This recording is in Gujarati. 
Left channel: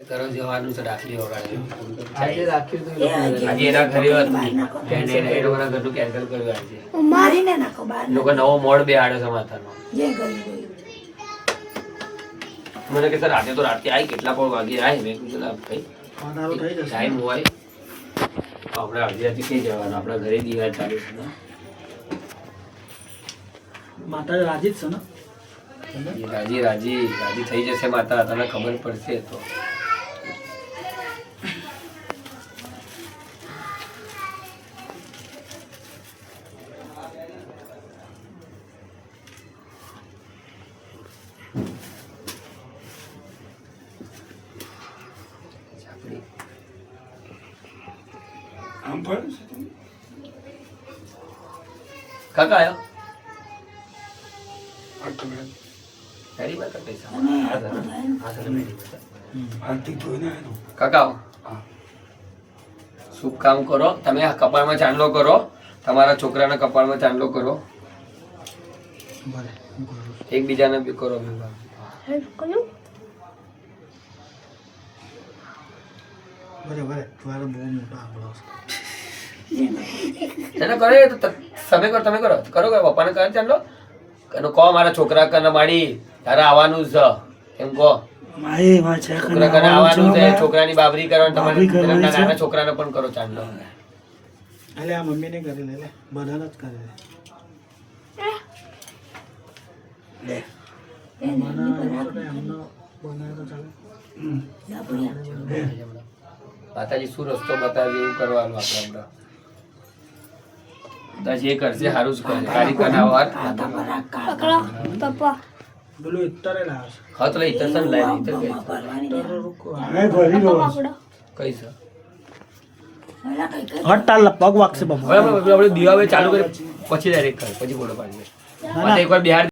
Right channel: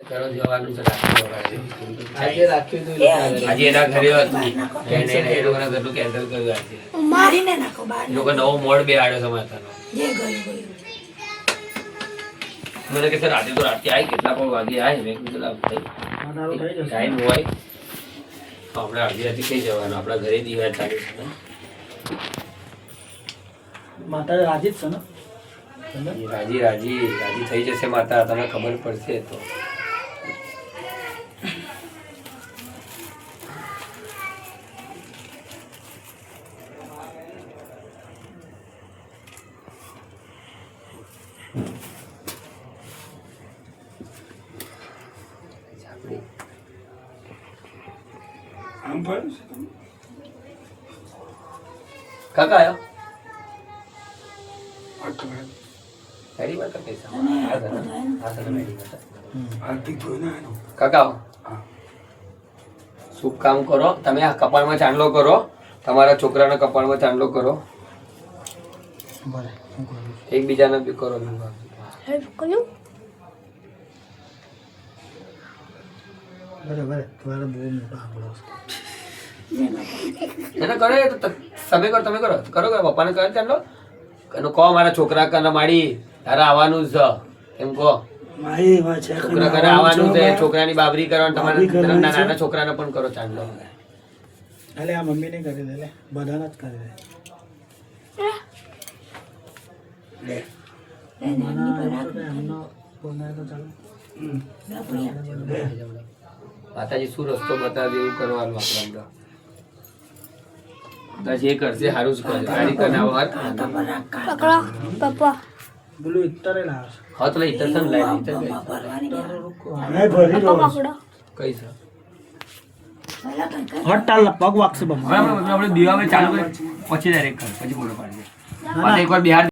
કરો જવાનું છે રાખી વગાડે આજે રાખ્યું તો આજે એના ઘરે હતી એને એ લોકોના ઘરનું કેન્સલ કર્યું આજે મારીને નાખો બહાર લોકો નવો મોડ બેહાડ્યો છે માતાનો જે ગયું ગયું મને કે સર આજે તો રાતે આવી કેટલા પણ વાગે આવી મેં કીધું લા ભાઈ ટાઈમ હોય તો હમણાં અડધી રાતે થઈ જવાનું આપણા ઘરે દિવાળ ચાલુ છે ને માતા રાજી જ છે ને એ રાજી રાજી રાજી થઈ જશે માતા તને ખબર પડશે તો કાકા આવ્યો મેરી વાત પૈસા કાકા શુભ કામ કરો તમે આ કપાળમાં ચાંદલો કરો તમારા છોકરાના કપાળમાં ચાંદલો કરો એકબીજાને બી કરો બરાબર તમારો બહુ મોટા આંકડો છે એને કરે તો તમે કરો તમે કરો કરો પપ્પાને કરે ચાંદલો એનો કહો મારા છોકરા કને માડી તારે આવવાનું જ છે એમ કહો છોકરા કને આવવાનું છે છોકરાની બાબરી કરવાની તમારે નાના છોકરાને પણ કરો ચાંદલો અલે આ મમ્મીને કરી લે લે બધાને જ કરી લે માતાજી શું રસ્તો બતાવે એવું કરવાનું આપણે હમણાં જે કરશે સારું જ કરે સારી કનાવર પપ્પા બોલું ઇત્તરે લાવે હા તો લઈ ઇતર લઈ ઇતર કઈ કઈ છે હટાલ પગ વાગશે બાબા આપણે દીવા ચાલુ કરી પછી ડાયરેક્ટ કર પછી બોલો પાડજે એકવાર બિહાર